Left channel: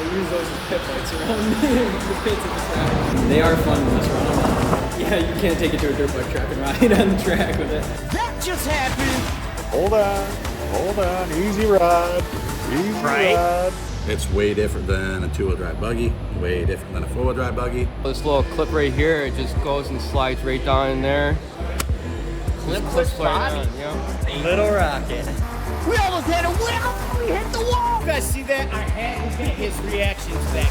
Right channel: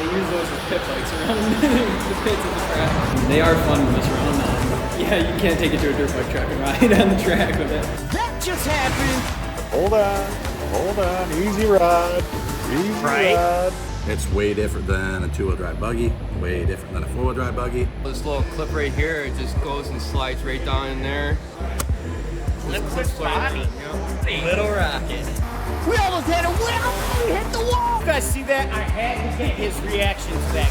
They use those as pit bikes around the pits of the track. They are fun to mess around on. Yeah, you can't take it to a dirt bike track and ride on the track with it. That just happened! Hold on, easy ride, ride. It's way different than a two-wheel drive buggy, way different than a four-wheel drive buggy. This little clip right here, it just goes and slides right down in there. Little rocket. We almost had a wheel! We hit the wall! You guys see that? I had to get his reaction to that.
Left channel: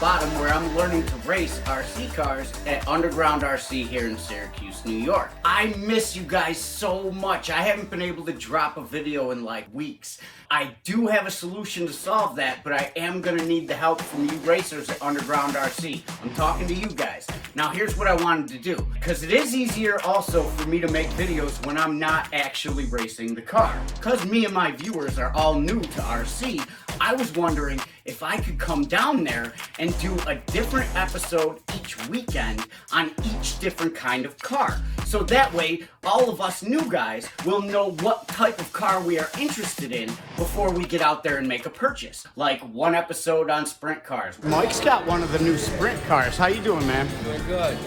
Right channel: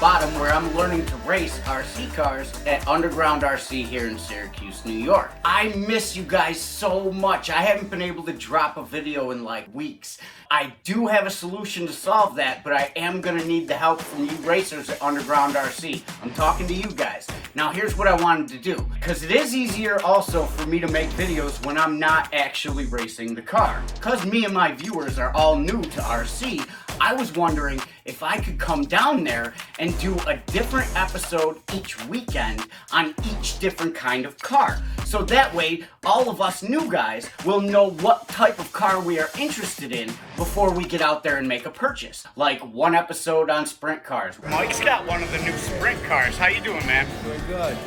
Bottom, where I'm learning to race RC cars at Underground RC here in Syracuse, New York. I miss you guys so much. I haven't been able to drop a video in like weeks. I do have a solution to solve that, but I am gonna need the help from you racers at Underground RC. I'm talking to you guys. Now here's what I wanted to do, because it is easier also for me to make videos when I'm not actually racing the car. Because me and my viewers are all new to RC, I was wondering if I could come down there and do a different episode each weekend on each different kind of car. So that way, all of us new guys will know what type of car we are interested in before we get out there and make a purchase. Like one episode on sprint cars. Mike's got one of the new sprint cars. How you doing, man? Doing good.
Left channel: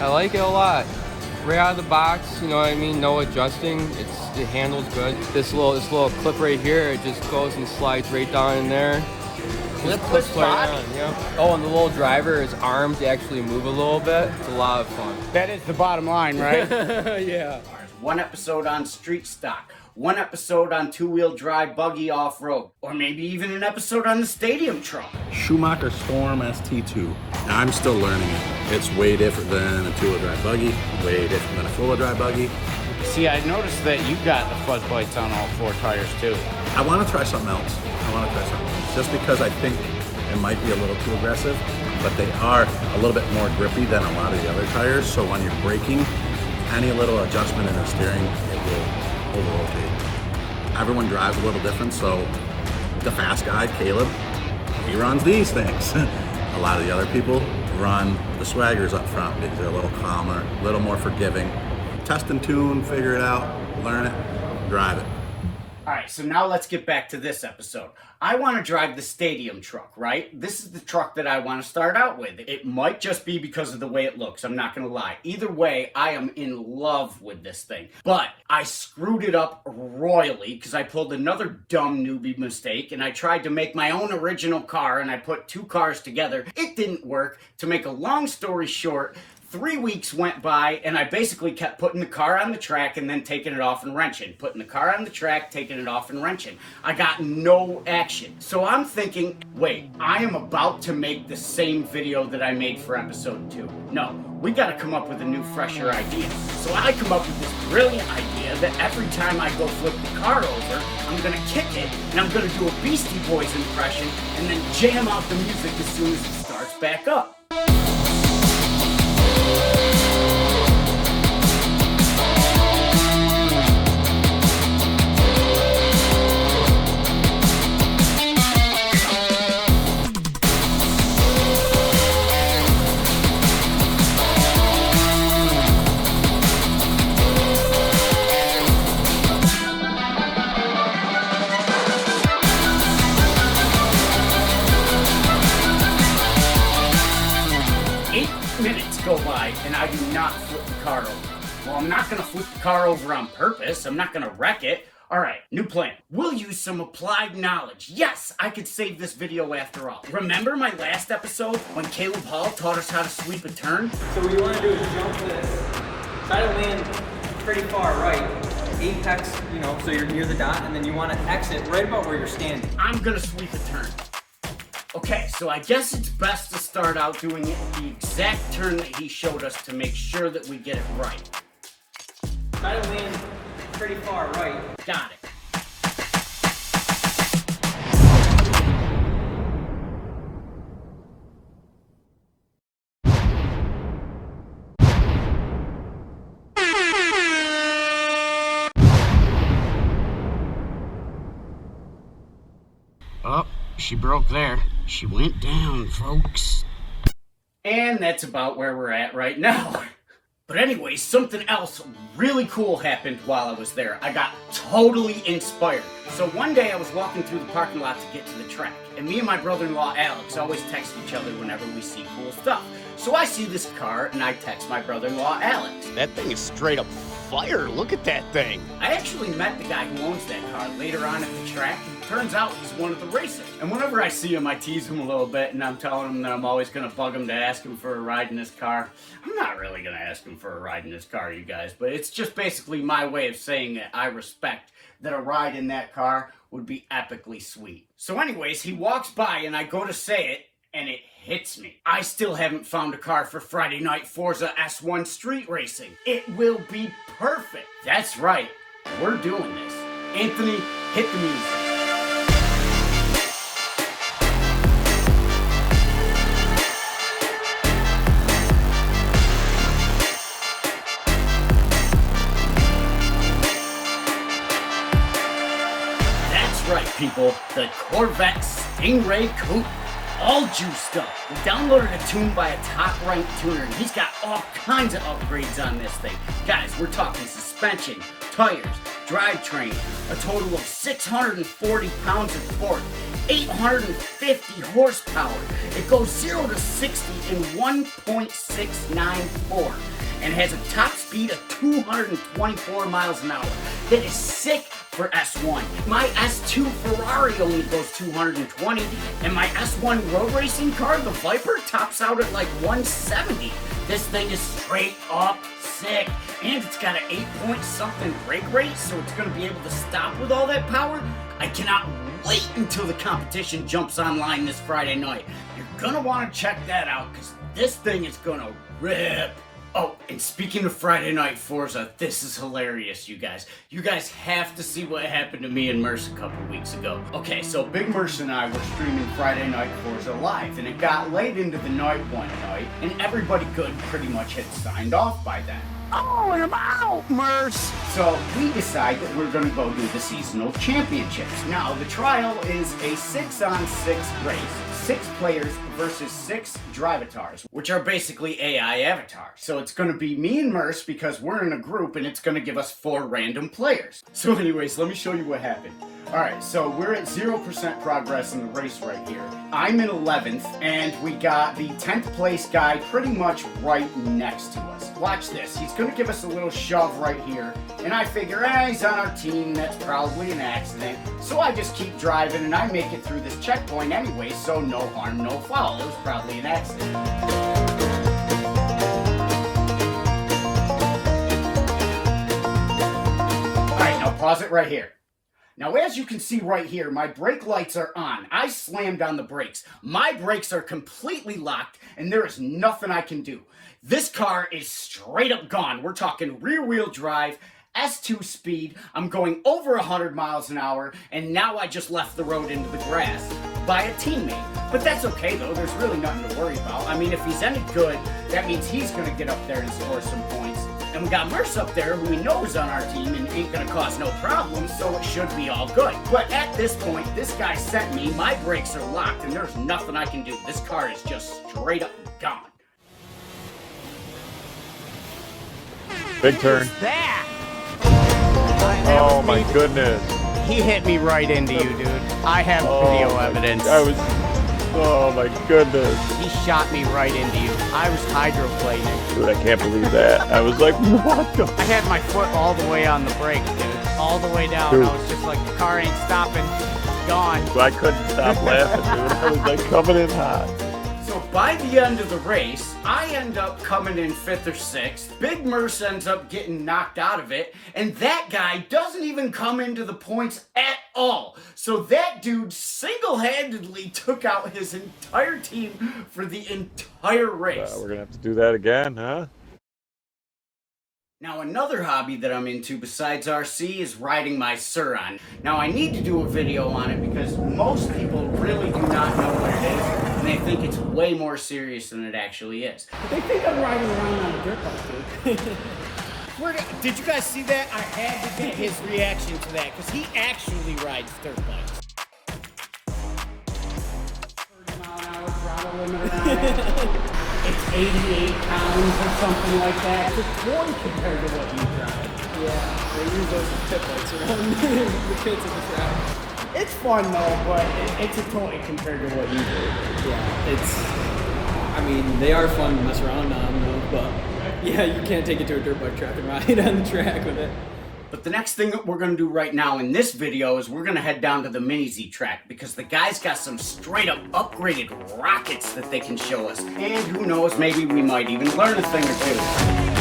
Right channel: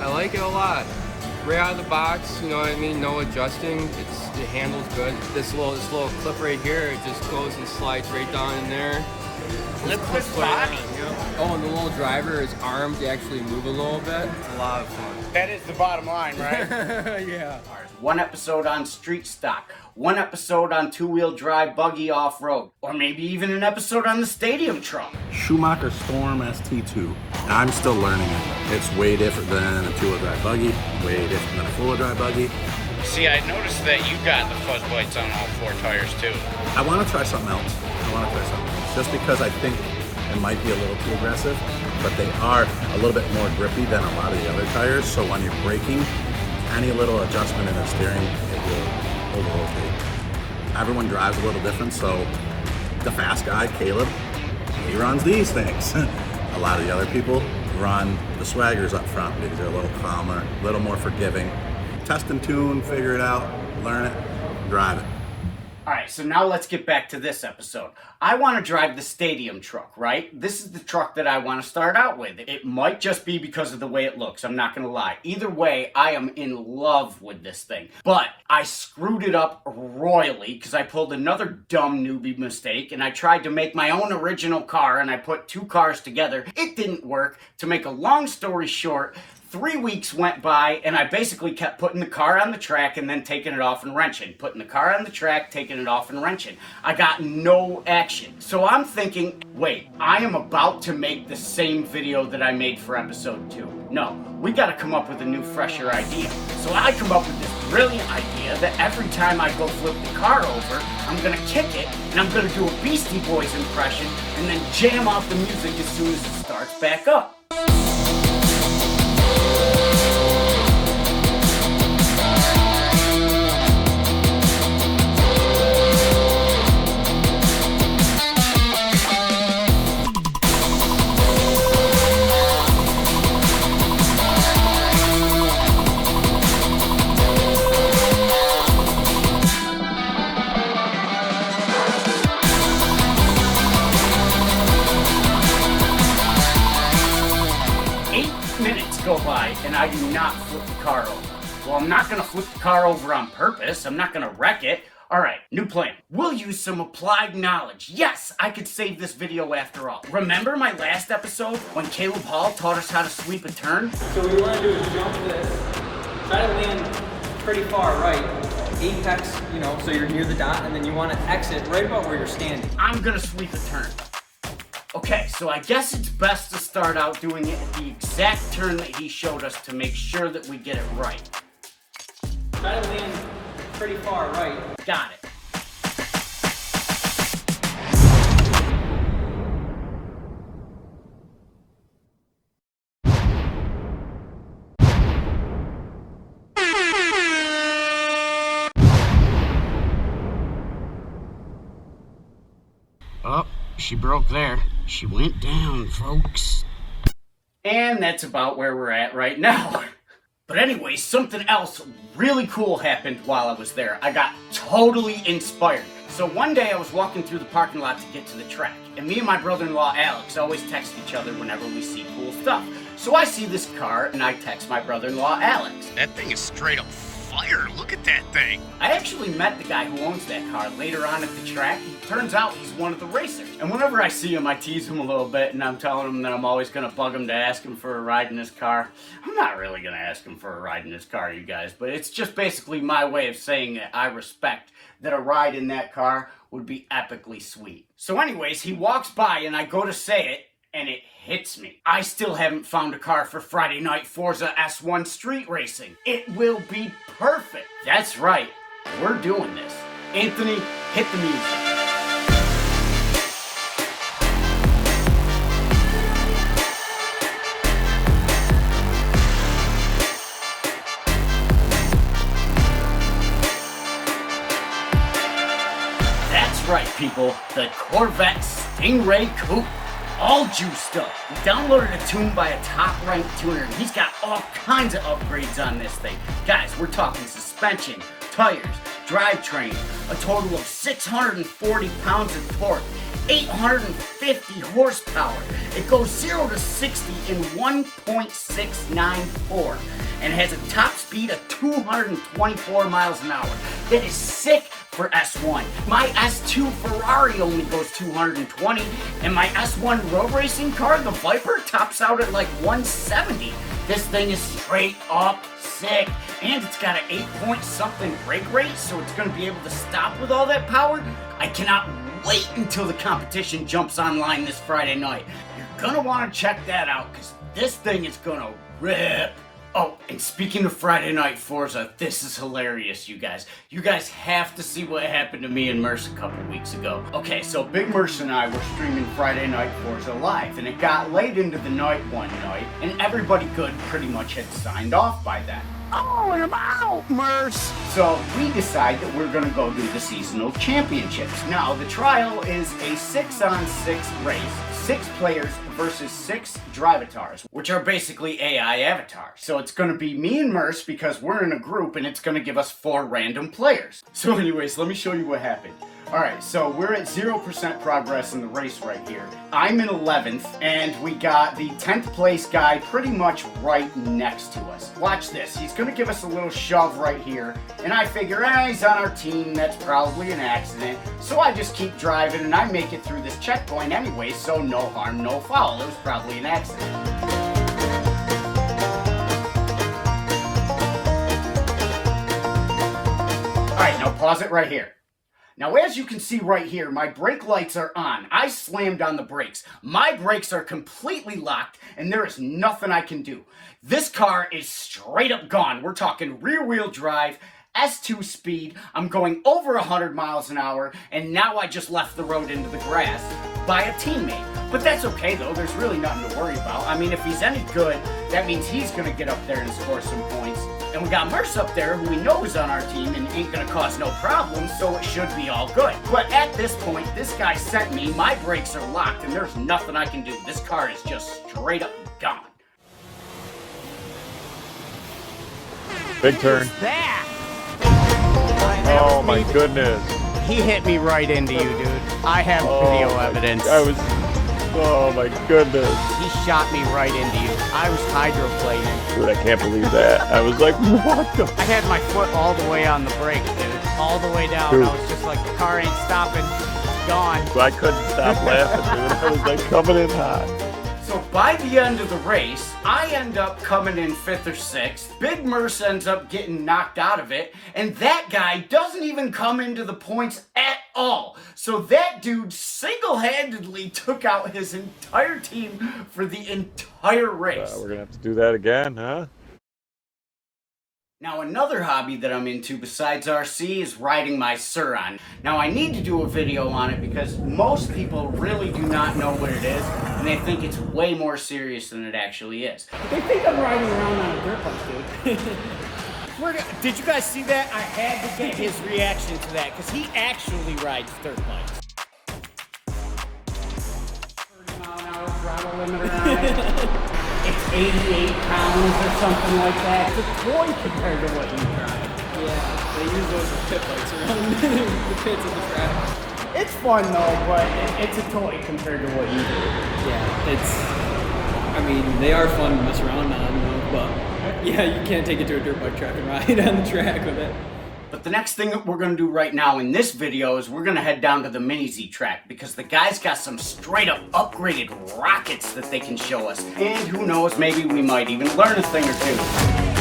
I like it a lot. Right out of the box, you know what I mean? No adjusting. It handles good. This little clip right here, it just goes and slides right down in there. Liquid body. Oh, and the little driver is armed to actually move a little bit. It's a lot of fun. That is the bottom line, right? Yeah. One episode on street stock. One episode on two-wheel drive buggy off-road. Or maybe even an episode on the stadium truck. Schumacher Storm ST2. I'm still learning it. It's way different than a two-wheel drive buggy, way different than a four-wheel drive buggy. See, I noticed that you got the fuzz plates on all four tires too. I want to try something else. Just because I think it might be a little too aggressive, but they are a little bit more grippy than a lot of the other tires, so when you're braking, any little adjustment in the steering, it will over-rotate. Everyone drives a little different, so the fast guy, Caleb, he runs these things. A lot of the other people run the swaggers up front because they're a little calmer, a little more forgiving. Test and tune, figure it out, learn it, drive it. Alright, so now let's get back to this episode. I want to drive the stadium truck, right? This is the truck that I want to start out with. It might just be because of the way it looks, I'm not going to lie. Either way, I am in love with this thing. But I screwed it up royally because I pulled another dumb newbie mistake and I tried to make my own original car and I put two cars together. It didn't work. To make a long story short, 3 weeks went by and I basically kept putting the car on the track and then taking it off and wrenching. Putting the car on the track, taking it off and wrenching. I got no action. So I'm thinking, wait, I am about to make the same video that I made for episode 2. No, we gotta come up with a new, fresher idea. So I come up with this brilliant idea that every time I go flip the car over, I'm gonna kick it and I'm gonna do a Beastie Boys impression and then jam out the music as soon as it starts back up. Go by and I do not flip the car over. Well, I'm not gonna flip the car over on purpose. I'm not gonna wreck it. All right, new plan. We'll use some applied knowledge. Yes, I could save this video after all. Remember my last episode when Caleb Hall taught us how to sweep a turn? So what you want to do is jump this, try to land pretty far right, apex, so you're near the dot, and then you want to exit right about where you're standing. I'm gonna sweep a turn. Okay, so I guess it's best to start out doing it at the exact turn that he showed us to make sure that we get it right. Try to land pretty far right. Got it. she broke there. She went down, folks. And that's about where we're at right now. But anyway, something else really cool happened while I was there. I got totally inspired. So one day I was walking through the parking lot to get to the track, and me and my brother-in-law Alex always text each other whenever we see cool stuff. So I see this car, and I text my brother-in-law Alex. That thing is straight up fire. Look at that thing. I actually met the guy who owns that car later on at the track, and turns out he's one of the racers. And whenever I see him, I tease him a little bit, and I'm telling him that I'm always gonna bug him to ask him for a ride in his car. I'm not really gonna ask him for a ride in his car, you guys, but it's just basically my way of saying that I respect that a ride in that car would be epically sweet. So anyways, he walks by, and I go to say it, and it hits me. I still haven't found a car for Friday night Forza S1 street racing. It will be perfect. That's right, we're doing this. Anthony, hit the music. That's right, people, the Corvette Stingray Coupe. All juiced up. We downloaded a tune by a top-ranked tuner, and he's got all kinds of upgrades on this thing. Guys, we're talking suspension, tires, drivetrain, a total of 640 pounds of torque, 850 horsepower. It goes 0 to 60 in 1.694 and has a top speed of 224 miles an hour. That is sick for S1. My S2 Ferrari only goes 220, and my S1 road racing car, the Viper, tops out at like 170. This thing is straight up sick, and it's got an 8-point-something brake rate, so it's going to be able to stop with all that power. I cannot wait until the competition jumps online this Friday night. You're going to want to check that out, because this thing is going to rip. Oh, and speaking of Friday night Forza, this is hilarious, you guys. You guys have to see what happened to me and Merce a couple weeks ago. Okay, so Big Merce and I were streaming Friday night Forza live, and it got late into the night one night, and everybody good pretty much had signed off by then. Oh, and I'm out, Merce. So we decide that we're gonna go do the seasonal championships. Now, the trial is a 6-on-6 race. 6 players versus 6 drivatars, which are basically AI avatars. So it's gonna be me and Merce because we're in a group, and it's gonna give us 4 random players. So anyways, let me show you what happened. Alright, so we're at 0% progress in the race right here. I'm in 11th, and we got the 10th place guy pretty much right next to us. Watch this, he's gonna give us a little shove right here, and I figure, he's on our team, that's probably an accident. So I just keep driving, and I make it through this checkpoint anyway, so no harm, no foul. It was probably an accident. Alright, now pause it right here. Now, as you can see right here, my brake lights are on. I slammed on the brakes. My brakes are completely locked, and there is nothing I can do. This car is straight up gone. We're talking rear-wheel drive, S2 speed. I'm going over 100 miles an hour, and now I just left the road into the grass by a teammate. But that's okay, though. There's really nothing to worry about. I mean, if he's any good, that means he's going to get up there and score some points. And we got Merce up there, who we know is on our team and ain't gonna cause no problems, so it should be all good. But at this point, this guy sent me, my brakes are locked, and there's nothing I can do. This car is just straight up gone. Big turn. That. Oh my goodness. He hit me right into you, dude. I have video evidence. Oh my goodness. He shot me right into you. I was hydroplaning. Dude, I can't believe that. I was like, what the? I had my foot all the way on the brake, dude. All the way down. Dude. I was just like, the car ain't stopping. It's gone. I couldn't stop laughing, dude. I was like coming in hot. So by the end of the race, I end up coming in 5th or 6th. Big Merce ends up getting knocked out of it, and that guy doesn't even come into the points at all. So that dude single-handedly took out his entire team for the entire race. We're gonna have to do that again, huh? Now, another hobby that I'm into besides RC is riding my Surron. Now, I need to do a video on it because most people really do not know what it is, and they think it's way more serious than it actually is. They think I'm riding around on a dirt bike, dude. Did you guys see that? I had to get his reaction to that because he actually rides dirt bikes. throttle limiter on it. It's 88 pounds or something like that. It's a toy compared to what you drive. Yeah, they use those as pit bikes around the pits of the track. It's fun though, but it's a toy compared to what you do. Yeah, I mean, they are fun to mess around on, though, but yeah, you can't take it to a dirt bike track and ride on the track with it. But the next thing that we're going to do right now in this video is we're going to head down to the Mini Z track because the guys got some straight up upgraded rockets that they can show us. And who knows, maybe we might even learn a thing or two.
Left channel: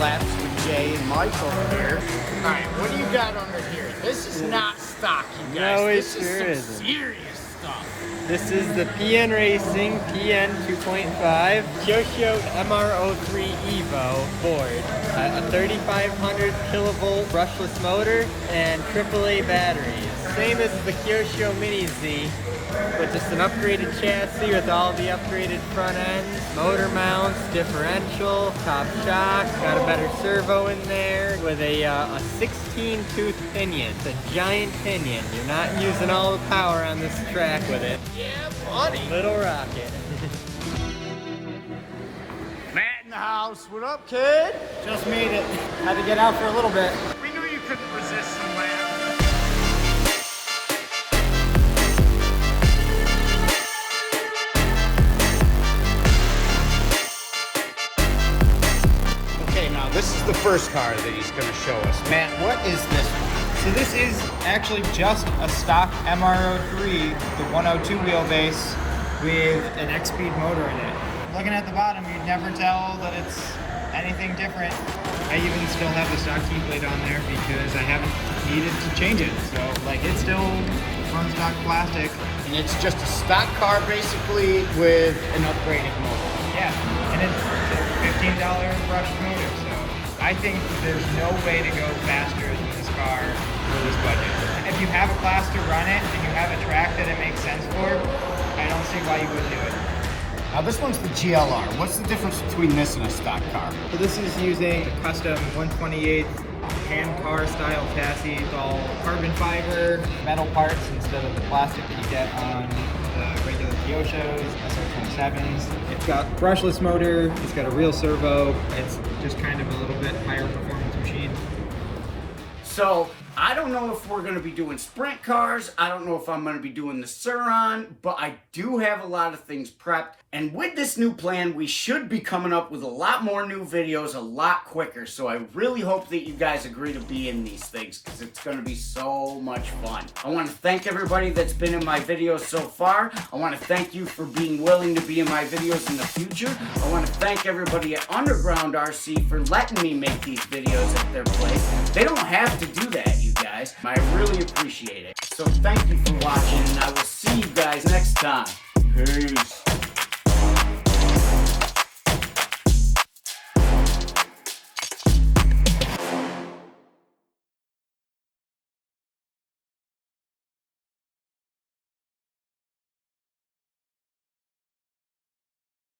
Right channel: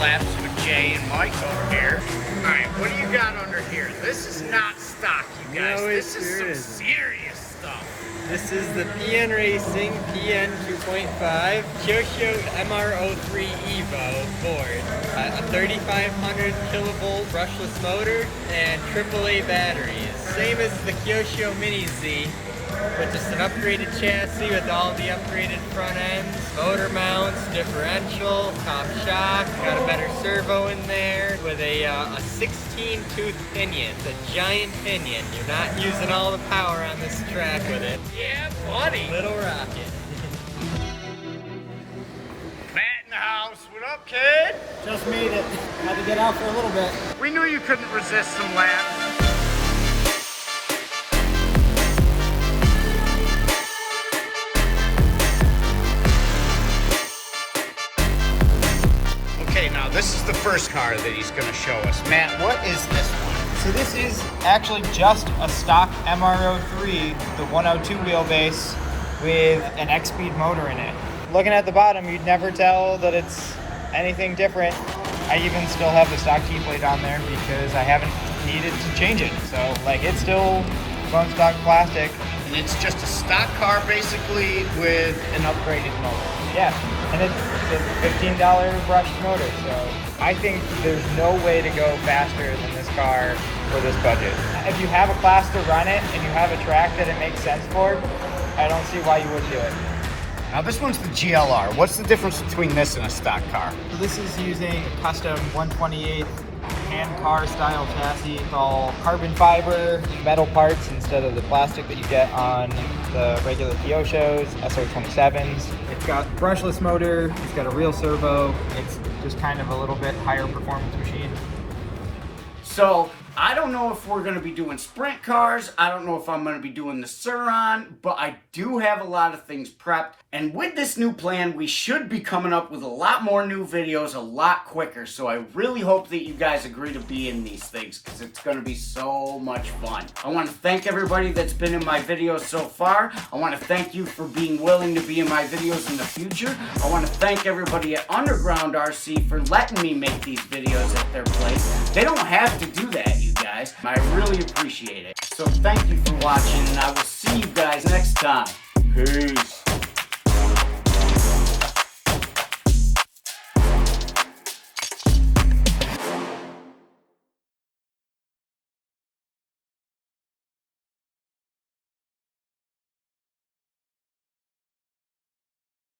Laps with Jay and Mike over here. Alright, what do you got under here? This is not stock, you guys. No, it this is sure some isn't. serious stuff. This is the PN Racing PN 2.5 Kyosho MR03 Evo board. A 3500 kilovolt brushless motor and AAA batteries. Same as the Kyosho Mini Z, but just an upgraded chassis with all the upgraded front ends, motor mounts, differential, top shock, got a better servo in there with a 16-tooth pinion. It's a giant pinion. You're not using all the power on this track with it. Yeah, buddy. Little rocket. Matt in the house. What up, kid? Just made it. Had to get out for a little bit. We knew you couldn't resist some laps. Okay, now this is the first car that he's going to show us. Matt, what is this one? So this is actually just a stock MR03, the 102 wheelbase with an X-Speed motor in it. Looking at the bottom, you'd never tell that it's anything different. I even still have the stock key plate on there because I haven't needed to change it. So like it's still front stock plastic. And it's just a stock car basically with an upgraded motor. Yeah, and it's $15 brushed motor. So I think there's no way to go faster than this car for this budget. If you have a class to run it and you have a track that it makes sense for, I don't see why you wouldn't do it. Now this one's the GLR. What's the difference between this and a stock car? So this is using a custom 128 hand car style chassis. It's all carbon fiber, metal parts instead of the plastic that you get on the regular Kyoshos, SR27s. It's got brushless motor, it's got a real servo. It's just kind of a little bit higher performance machine. So, I don't know if we're going to be doing sprint cars. I don't know if I'm going to be doing the Surron, but I do have a lot of things prepped. And with this new plan, we should be coming up with a lot more new videos a lot quicker. So I really hope that you guys agree to be in these things because it's going to be so much fun. I want to thank everybody that's been in my videos so far. I want to thank you for being willing to be in my videos in the future. I want to thank everybody at Underground RC for letting me make these videos at their place. They don't have to do that, you guys. I really appreciate it. So thank you for watching, and I will see you guys next time. Peace.